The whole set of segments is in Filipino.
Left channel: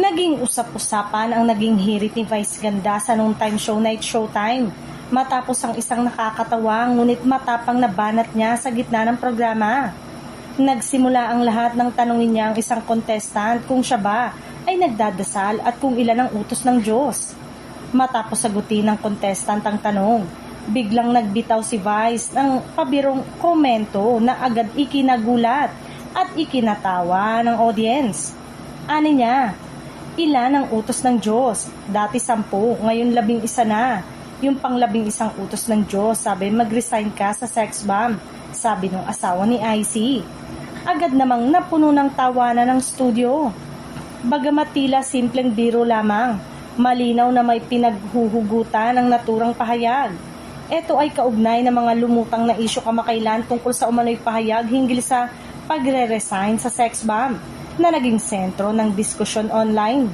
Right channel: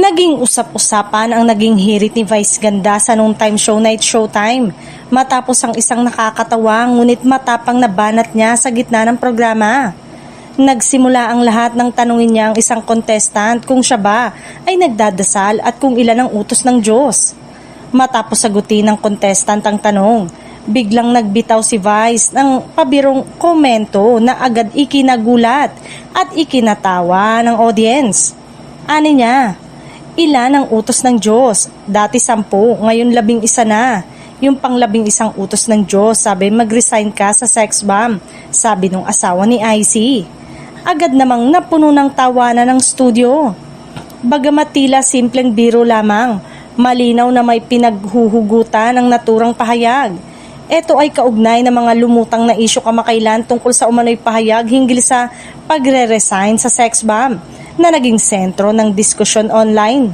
Naging usap-usapan ang naging hirit ni Vice Ganda sa noontime show Night Showtime matapos ang isang nakakatawa ngunit matapang na banat niya sa gitna ng programa. Nagsimula ang lahat ng tanungin niya ang isang contestant kung siya ba ay nagdadasal at kung ilan ang utos ng Diyos. Matapos sagutin ng contestant ang tanong, biglang nagbitaw si Vice ng pabirong komento na agad ikinagulat at ikinatawa ng audience. Ani niya, ilan ang utos ng Diyos? Dati 10, ngayon 11 na. Yung pang 11 utos ng Diyos, sabi mag-resign ka sa sex bomb, sabi nung asawa ni IC. Agad namang napuno ng tawanan ng studio. Bagamat tila simpleng biro lamang, malinaw na may pinaghuhugutan ng naturang pahayag. Ito ay kaugnay ng mga lumutang na isyu kamakailan tungkol sa umano'y pahayag hinggil sa pagre-resign sa sex bomb na naging sentro ng diskusyon online.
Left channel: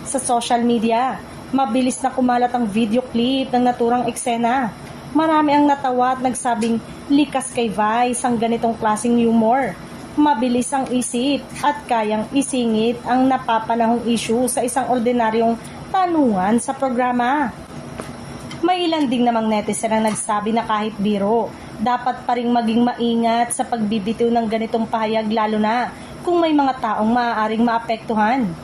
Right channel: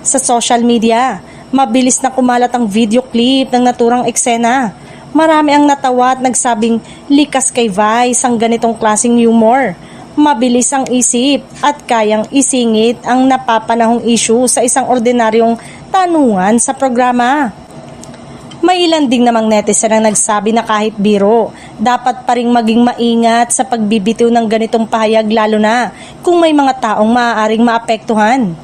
Sa social media, mabilis na kumalat ang video clip ng naturang eksena. Marami ang natawa at nagsabing likas kay Vice ang ganitong klaseng humor. Mabilis ang isip at kayang isingit ang napapanahong issue sa isang ordinaryong tanungan sa programa. May ilan ding namang netizen ang nagsabi na kahit biro, dapat pa ring maging maingat sa pagbibitiw ng ganitong pahayag lalo na kung may mga taong maaaring maapektuhan.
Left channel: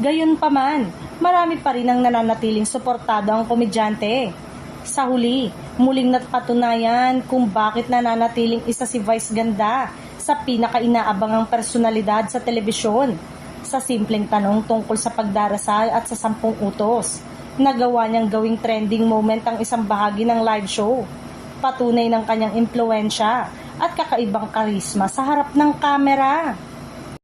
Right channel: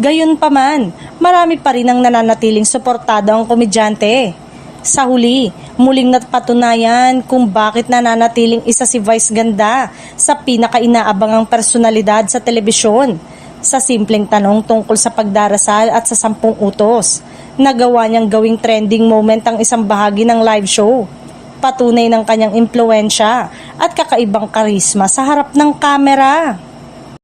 Gayunpaman, marami pa rin ang nananatiling suportado ang komedyante. Sa huli, muling napatunayan kung bakit nananatiling isa si Vice Ganda sa pinaka-inaabangang personalidad sa telebisyon. Sa simpleng tanong tungkol sa pagdarasal at sa 10 utos, nagawa niyang gawing trending moment ang isang bahagi ng live show. Patunay ng kanyang impluwensya at kakaibang karisma sa harap ng kamera.